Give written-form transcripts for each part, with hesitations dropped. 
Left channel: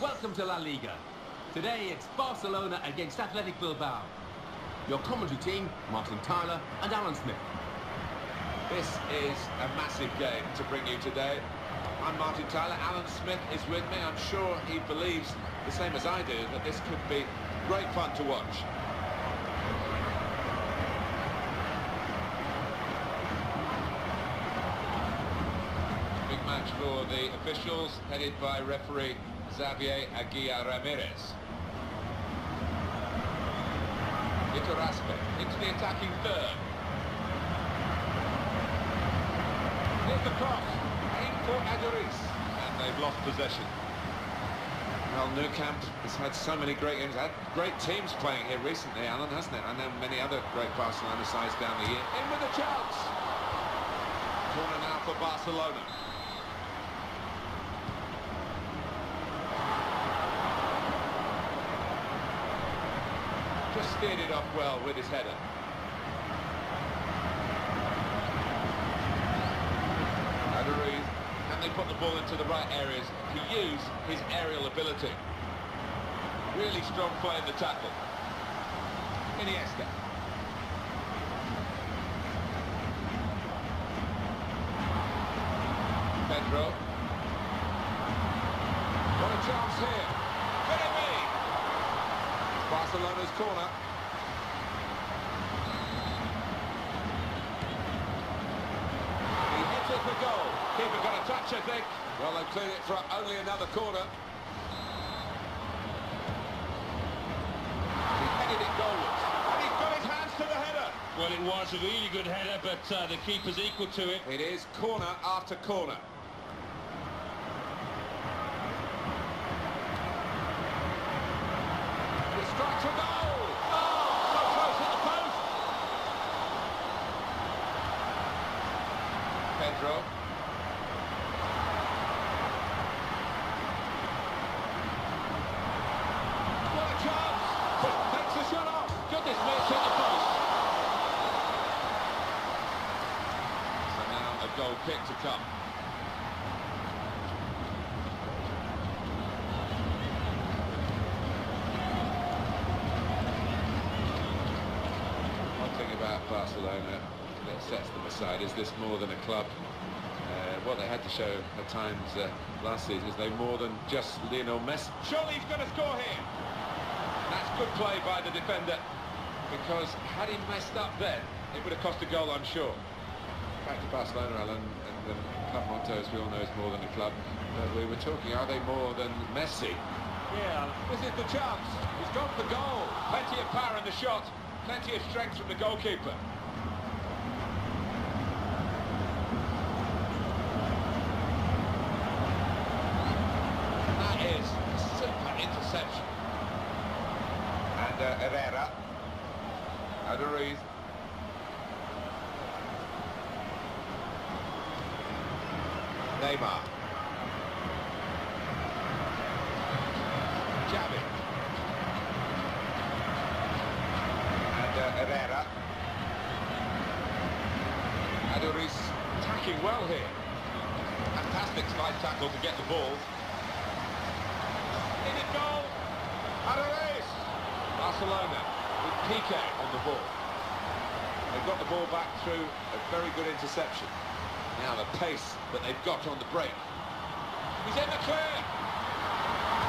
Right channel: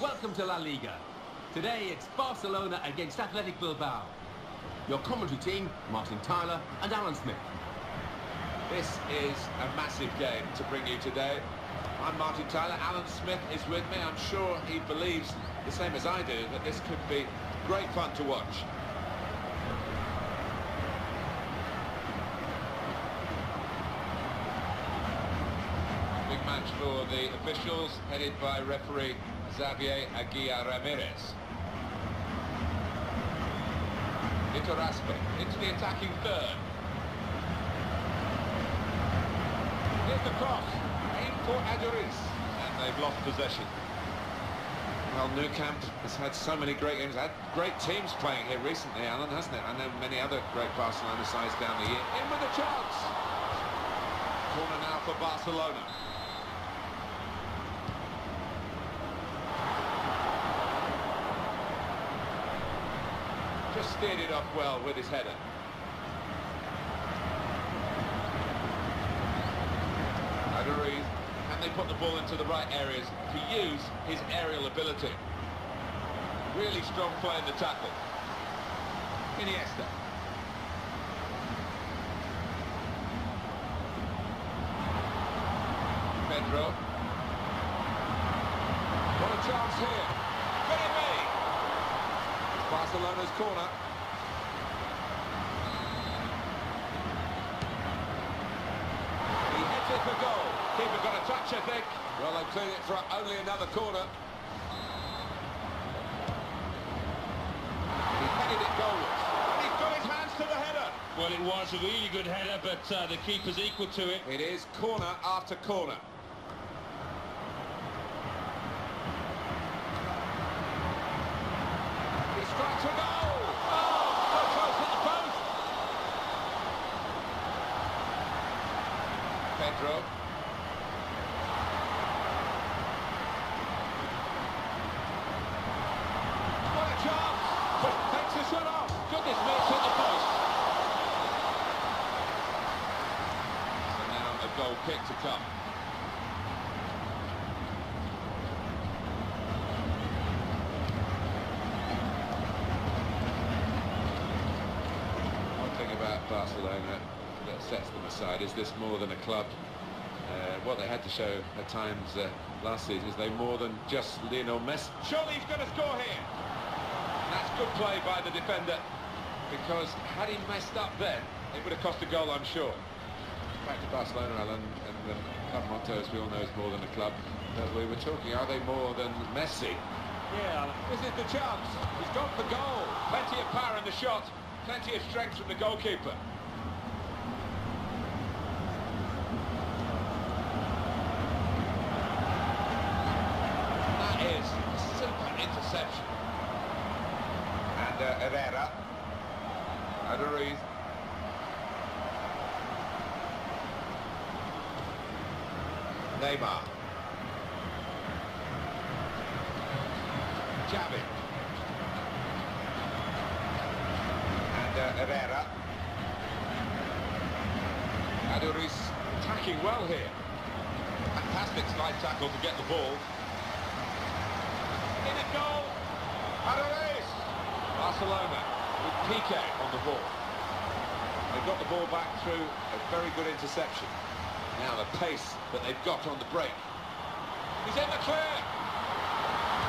and welcome to La Liga. Today it's Barcelona against Athletic Bilbao. Your commentary team, Martin Tyler and Alan Smith. This is a massive game to bring you today. I'm Martin Tyler, Alan Smith is with me. I'm sure he believes the same as I do that this could be great fun to watch. Big match for the officials, headed by referee Xavier Aguirre Ramirez. Iturraspe into the attacking third. Here's the cross, aimed for Aduriz, and they've lost possession. Well, Nou Camp has had so many great games, had great teams playing here recently, Alan, hasn't it? I know many other great Barcelona sides down the year. In with a chance! Corner now for Barcelona. Just steered it off well with his header. Aduriz, can they put the ball into the right areas to use his aerial ability? Really strong play in the tackle. Iniesta. Pedro. What a chance here. Could it be? Barcelona's corner. He hits it for goal. Keeper got a touch, I think. Well, they've cleared it for only another corner. He headed it goalwards. And he's got his hands to the header. Well, it was a really good header, but the keeper's equal to it. It is corner after corner. He strikes a goal! Oh, so close, hit the post! Pedro. What a chance! Takes the shot off! Goodness me, it's hit the post! So now a goal kick to come. About Barcelona that sets them aside is this more than a club. What they had to show at times last season is they more than just Lionel Messi. Surely he's going to score here. And that's good play by the defender, because had he messed up then, it would have cost a goal, I'm sure. Back to Barcelona, Alan, and the club motto, as we all know, is more than a club. But we were talking, are they more than Messi? Yeah. This is the chance. He's gone for goal. Plenty of power in the shot. Plenty of strength from the goalkeeper. And that is a super interception. And Herrera. Aduriz. Neymar. Xavi. Herrera. Aduriz attacking well here. Fantastic slide tackle to get the ball. In a goal. Aduriz. Barcelona with Piqué on the ball. They've got the ball back through a very good interception. Now the pace that they've got on the break. He's in the clear.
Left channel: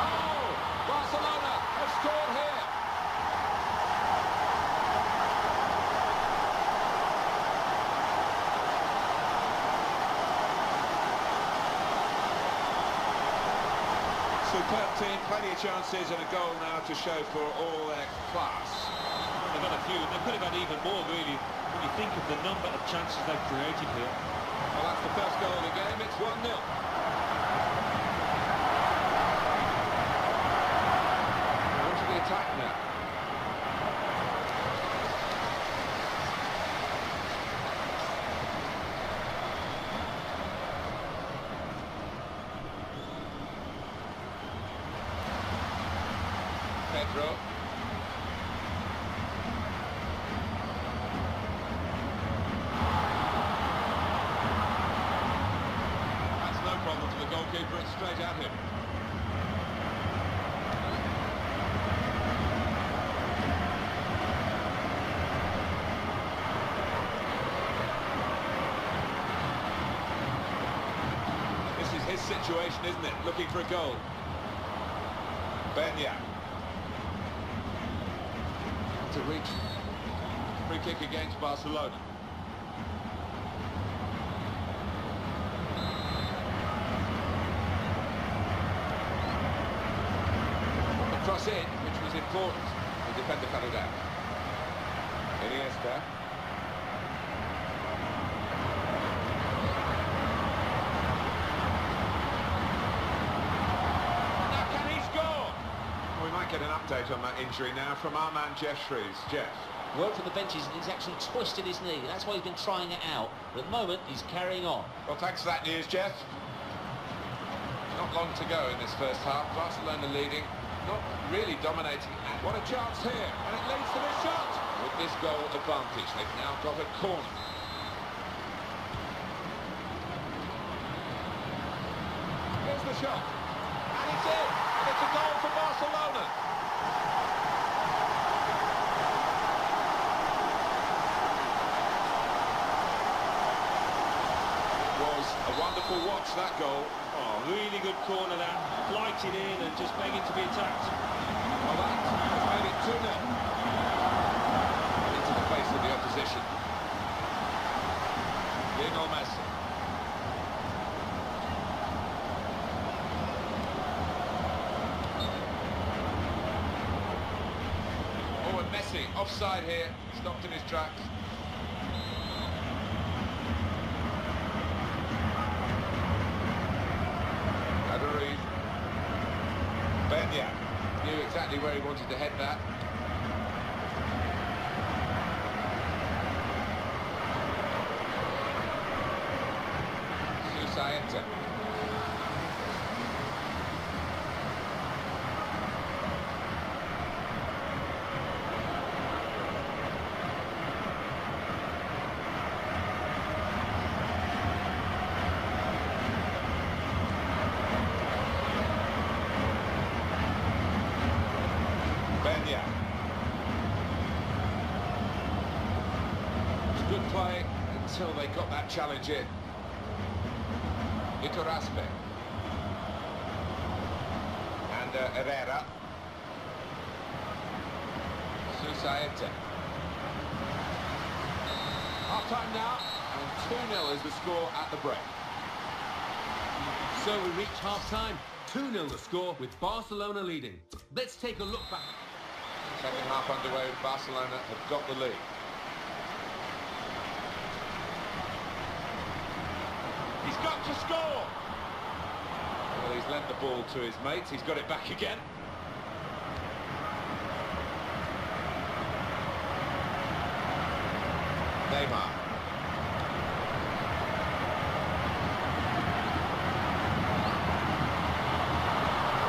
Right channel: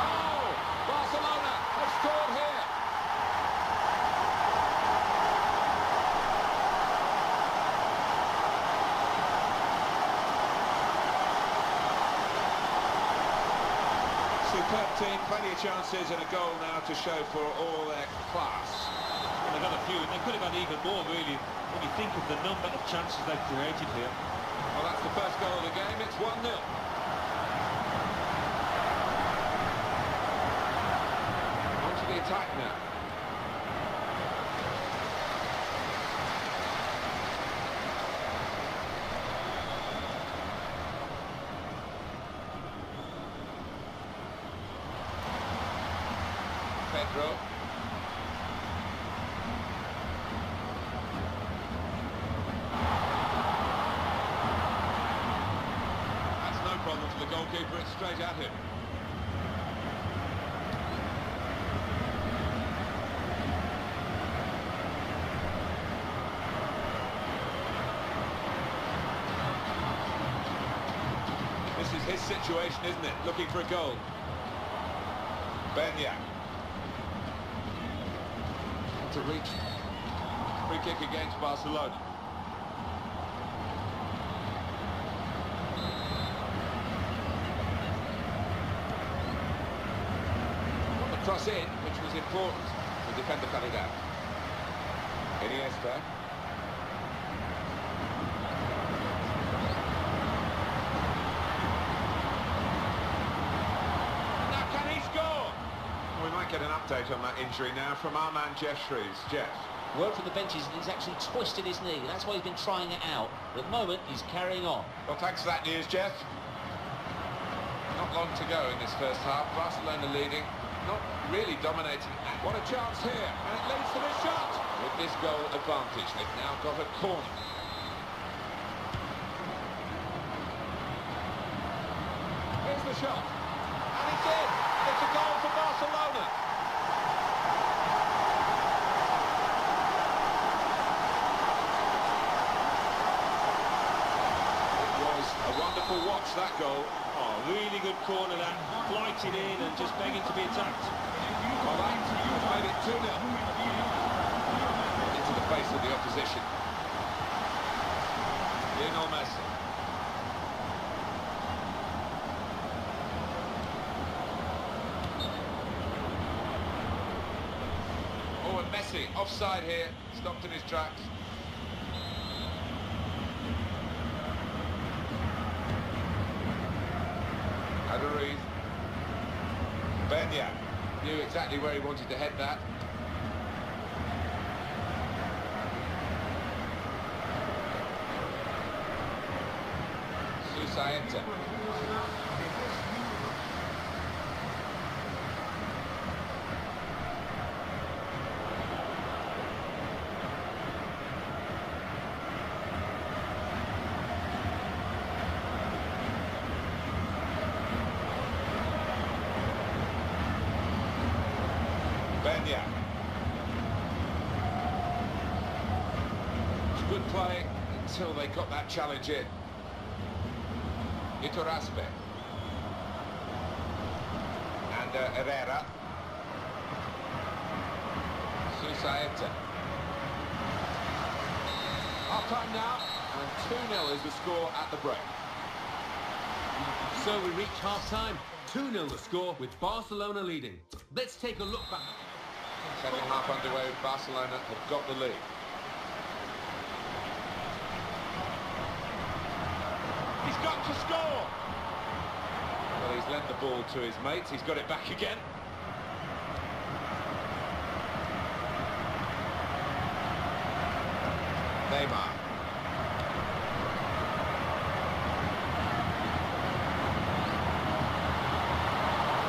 Oh! Barcelona have scored here. Superb team, plenty of chances and a goal now to show for all their class. Well, they've got a few, and they could have had even more, really, when you think of the number of chances they've created here. Well, that's the first goal of the game. It's 1-0. On to the attack now. Pedro. That's no problem for the goalkeeper, it's straight at him. his situation, isn't it? Looking for a goal. Benya. To reach. Free kick against Barcelona. Got the cross in, which was important. The defender cut it out. Iniesta. Now can he score? We might get an update on that injury now from our man Jeff Shreves. Jeff. Word from the benches, he's actually twisted his knee. That's why he's been trying it out. But at the moment, he's carrying on. Well, thanks for that news, Jeff. Not long to go in this first half. Barcelona leading, not really dominating. What a chance here, and it leads to this shot. With this goal advantage, they've now got a corner. Here's the shot, and it's in, and it's a goal for Barcelona. It was a wonderful watch, that goal. Oh, really good corner that. Flighted in and just begging to be attacked. Well, that has made it 2-0. Into the face of the opposition. Lionel Messi. Oh, and Messi offside here, stopped in his tracks. Aduriz. Benya knew exactly where he wanted to head that. Susaeta. Benya. It's good play until they got that challenge in. Iturraspe. And Herrera. Susaeta. Half time now, and 2-0 is the score at the break. So we reach half-time. 2-0 the score with Barcelona leading. Let's take a look back. Second half underway, Barcelona have got the lead. He's got to score! Well, he's lent the ball to his mates. He's got it back again. Neymar.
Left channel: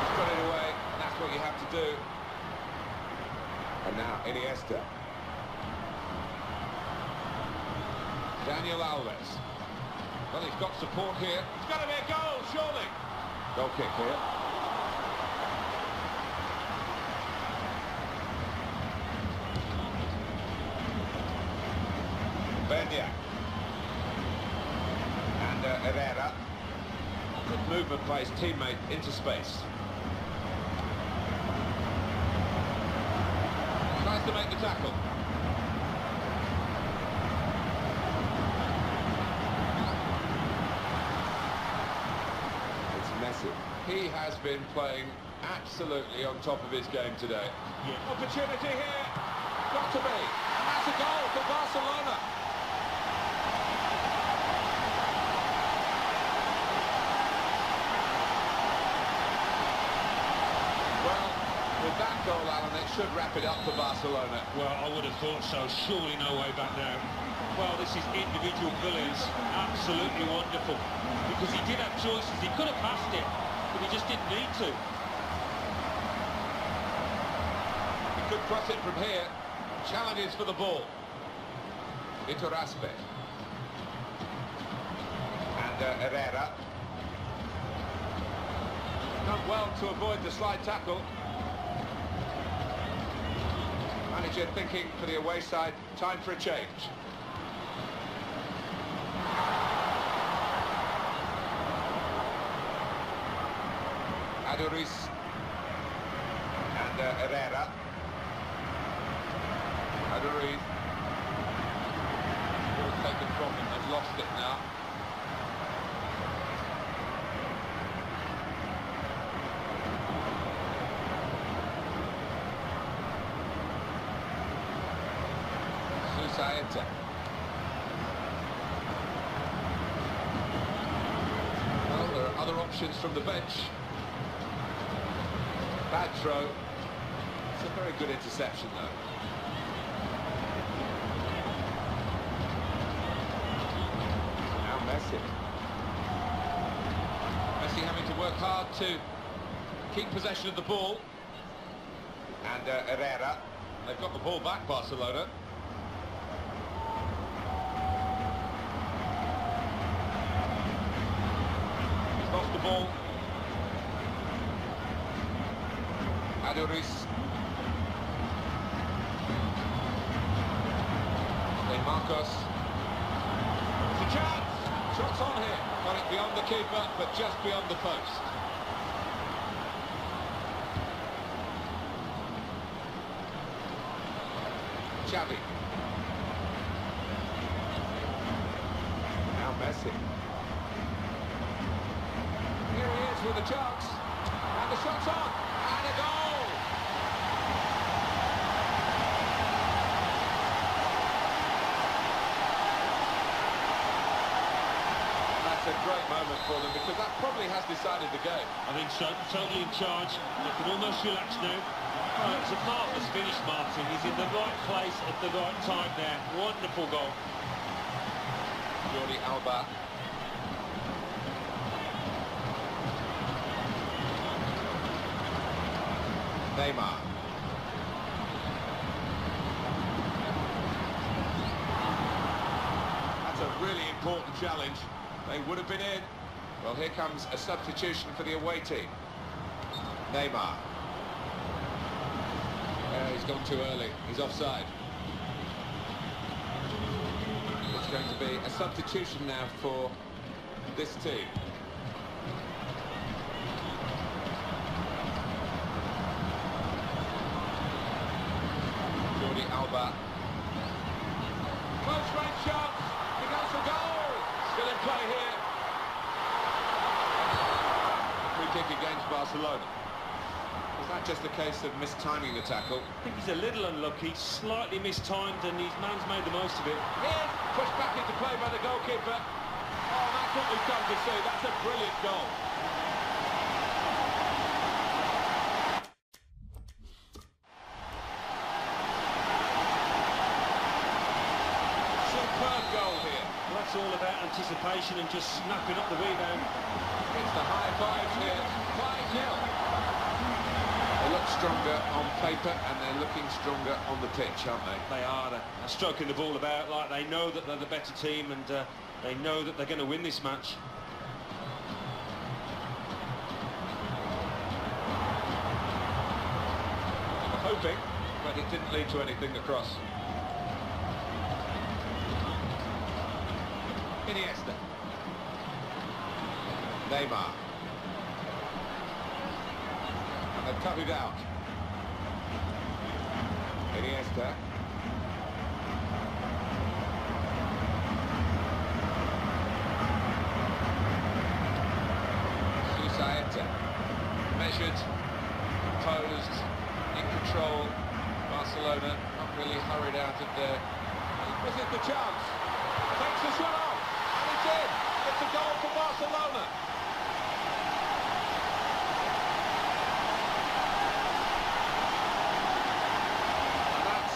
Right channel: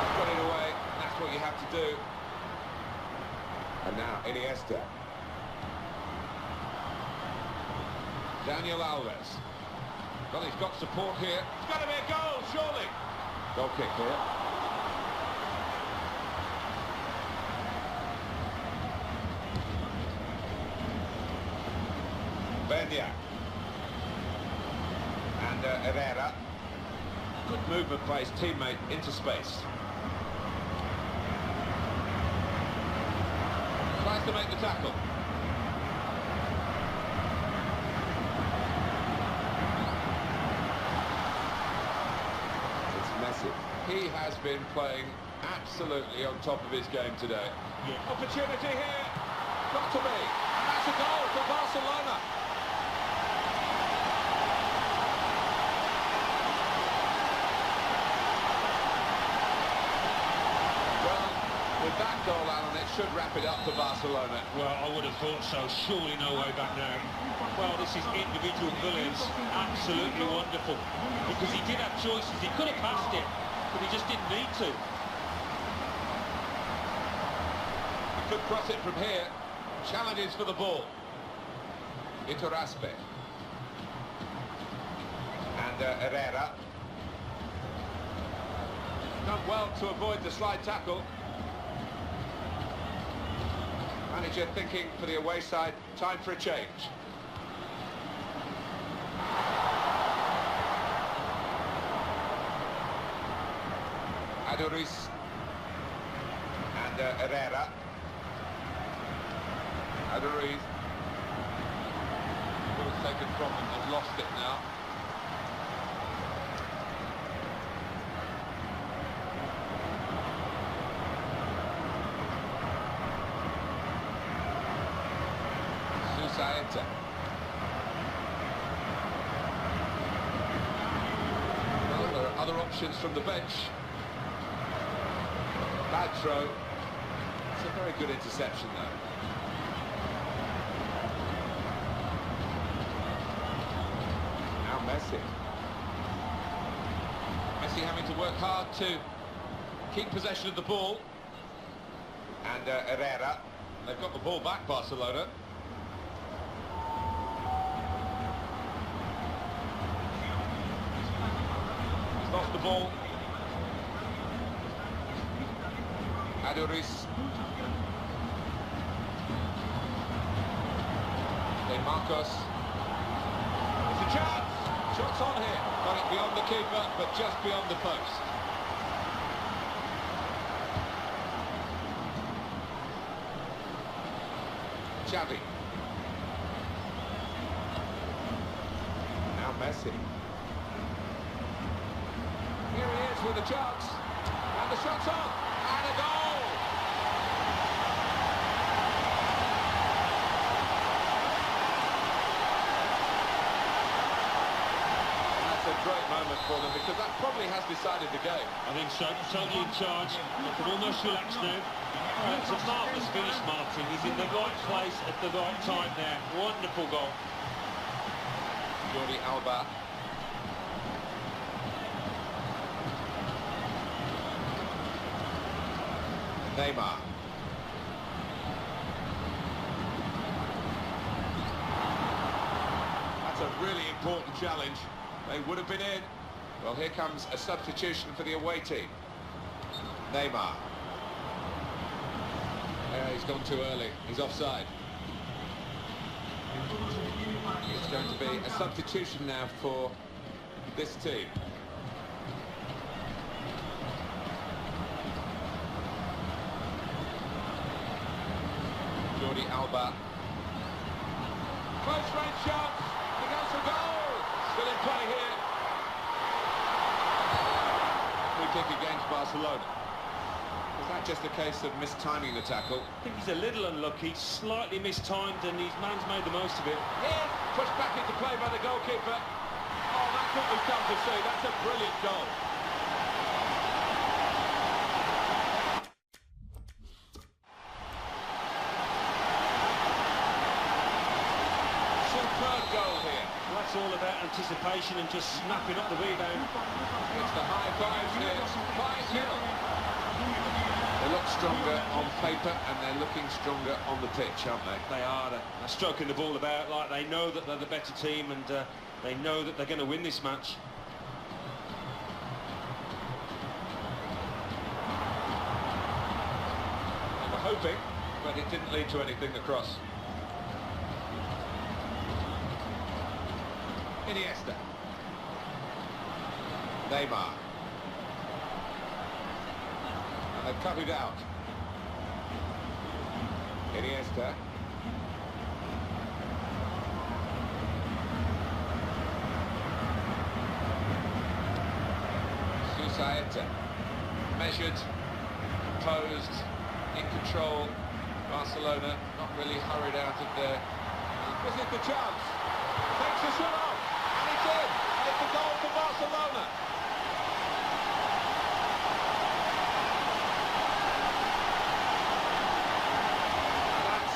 He's got it away, and that's what you have to do. And now Iniesta. Daniel Alves. Well, he's got support here. It's got to be a goal, surely. Goal kick here. Benya. And Herrera. Good movement by his teammate into space. Tries to make the tackle. It's Messi. He has been playing absolutely on top of his game today. Yeah. Opportunity here. Got to be. And that's a goal for Barcelona. Well, with that goal, Alan, it should wrap it up for Barcelona. Well, I would have thought so. Surely no way back now. Well, this is individual brilliance. Absolutely wonderful. Because he did have choices. He could have passed it, but he just didn't need to. He could cross it from here. Challenges for the ball. Iturraspe. And Herrera. Done well to avoid the slide tackle. Manager thinking for the away side, time for a change. Aduriz and Herrera. Aduriz. Ball's taken from him, they've lost it now. Susaeta. Well, there are other options from the bench. Bad throw. It's a very good interception, though. Now Messi. Messi having to work hard to keep possession of the ball. And Herrera. They've got the ball back, Barcelona. He's lost the ball. Aduriz. De Marcos. It's a chance. Shots on here. Got it beyond the keeper, but just beyond the post. Xavi. Now Messi. Here he is with a chance. And the shot's on. And a goal! That's a great moment for them, because that probably has decided the game. I think so, totally in charge. They can almost relax now. Oh, it's a marvellous finish, Martin. He's in the right place at the right time there. Wonderful goal. Jordi Alba. Neymar. That's a really important challenge. They would have been in. Well, here comes a substitution for the away team. Neymar. He's gone too early. He's offside. It's going to be a substitution now for this team. Jordi Alba. Close range shot. He goes for goal. Still in play here. Free kick against Barcelona. Was that just a case of mistiming the tackle? I think he's a little unlucky, slightly mistimed, and his man's made the most of it. Here's pushed back into play by the goalkeeper. Oh, that's what we've come to see. That's a brilliant goal. Superb goal here. Well, that's all about anticipation and just snapping up the rebound. It's the high fives here. 5-0. They look stronger on paper, and they're looking stronger on the pitch, aren't they? They are. They're stroking the ball about like they know that they're the better team, and they know that they're going to win this match. They were hoping, but it didn't lead to anything across. Iniesta. Neymar. And they've cut it out. Iniesta. Susaeta. Measured, composed, in control. Barcelona not really hurried out of there. This is the chance. Takes the shot off. And it's in. And it's a goal for Barcelona.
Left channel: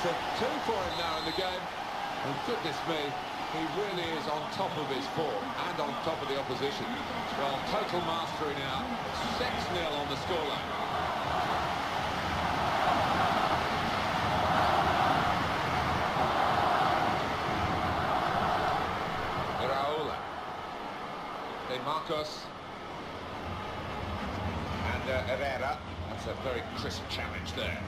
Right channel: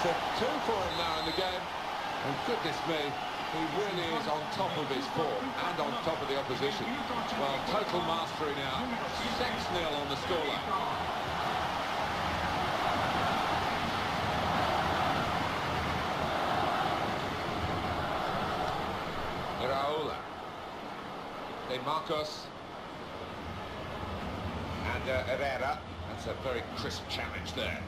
It's a 2 for him now in the game, and goodness me, he really is on top of his form and on top of the opposition. Well, total mastery now, 6-0 on the scoreline. Iraola, De Marcos, and Herrera. That's a very crisp challenge there.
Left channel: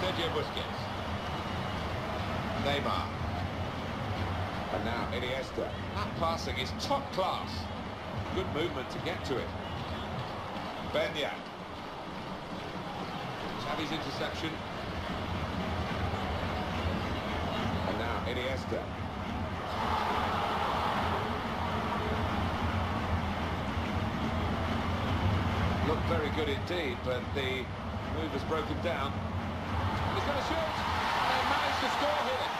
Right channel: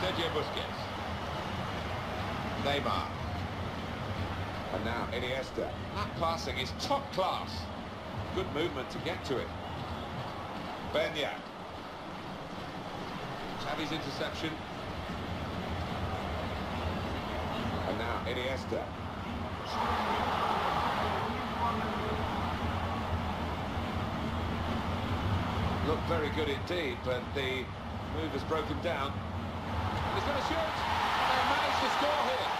Sergio Busquets. Neymar. And now Iniesta. That passing is top class. Good movement to get to it. Benya. Xavi's interception. And now Iniesta. Looked very good indeed, but the move has broken down. And he's going to shoot, and they managed to score here.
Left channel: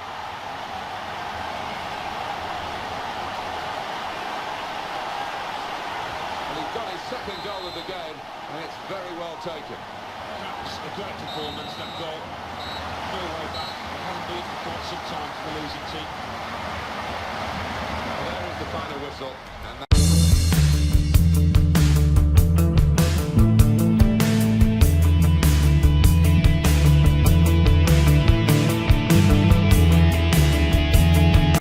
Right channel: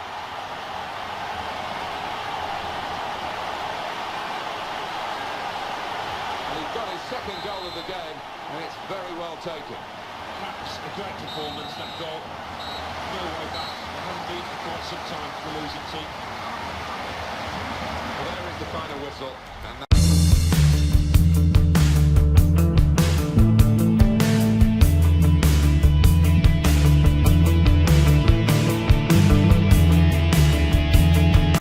Well, he's got his second goal of the game, and it's very well taken. Perhaps a great performance, that goal. No way back. It hasn't been for quite some time for the losing team. Well, there is the final whistle, and that